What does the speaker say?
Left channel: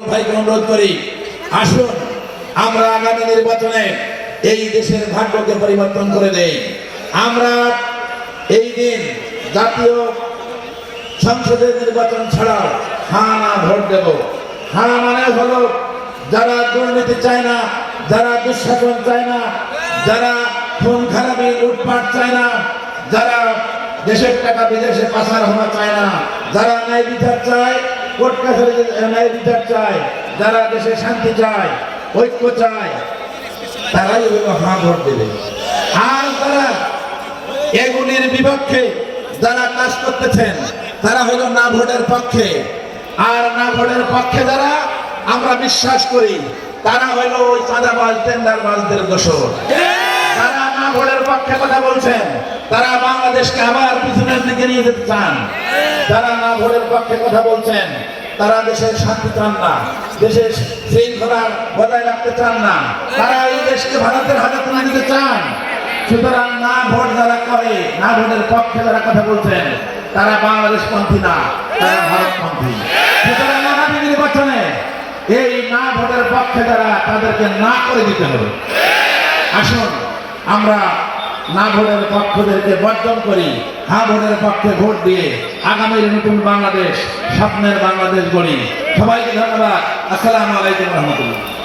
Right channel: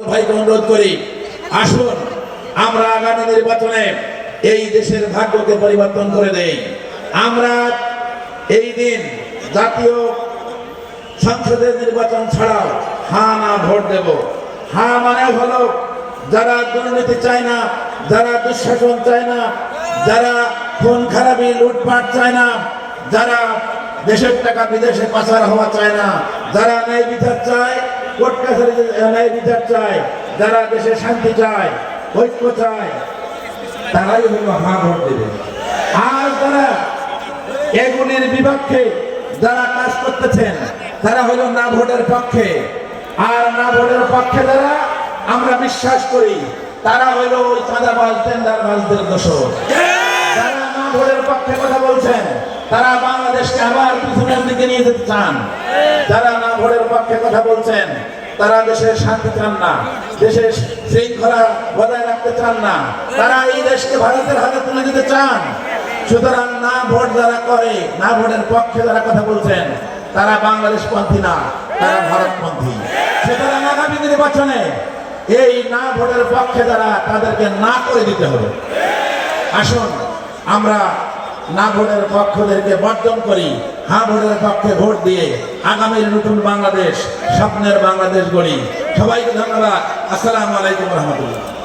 ভাইকে অনুরোধ করি, আসুন আমরা আগামী নির্বাচনে এই দেশের ভাগ্যকে পরিবর্তন করে দেই। আমরা এই দিন জাতীয় সংসদের নির্বাচন ছাড়াও হ্যাঁ না ভোট দেব। হ্যাঁ মানে হলো যারা দুর্নীতি চায় না, যারা দুঃশাসন চায় না, যারা খুন খারাপি লুটপাট চায় না, যারা দেশের টাকা বিদেশে পাচার হওয়া চায় না, যারা ন্যায় বিচার চায়, কোর্ট কাছারিতে ন্যায় বিচার চায়, যারা দেশে শান্তি চায়, ঐক্য চায়, তারাই হলো হ্যাঁ ভোট দেবে। আর যারা এগুলির বিপক্ষে যারা কাজ করতেছেন তারা হলো না ভোটের পক্ষে। আর না ভোটের পক্ষে যারা আমরা বিশ্বাস করি তারা হলো ওই চাঁদাবাজ টেন্ডারবাজদের দোষর। যারা না ভোটের পক্ষে কথা বলছেন তারা বাংলাদেশকে আবার পিছনের দিকে নিয়ে যেতে চান। যারা না ভোটের পক্ষে কথা বলছেন তারা দেশের শান্তি চান না, দেশের শৃঙ্খলা বজায় রাখতে চান না, তারা এই দেশকে ভারতের হাতে তুলে দিতে চান। সুতরাং না ভোট যারা করে, না ভোটের পক্ষে যারা কথা বলছেন তারা বাংলাদেশ পন্থী না, তারা ভারত পন্থী। সুতরাং আগামী নির্বাচনে এই না ভোটের পক্ষে যারা তাদেরকে না করে দিতে হবে। আসুন আমরা না ভোটের পক্ষদেরকে বর্জন করি, হ্যাঁ ভোটের পক্ষে ভোট দিয়ে আগামীর নতুন বাংলাদেশ, স্বপ্নের বাংলাদেশ গড়ি। সবাইকে ধন্যবাদ। আসসালামু আলাইকুম রহমতুল্লাহ।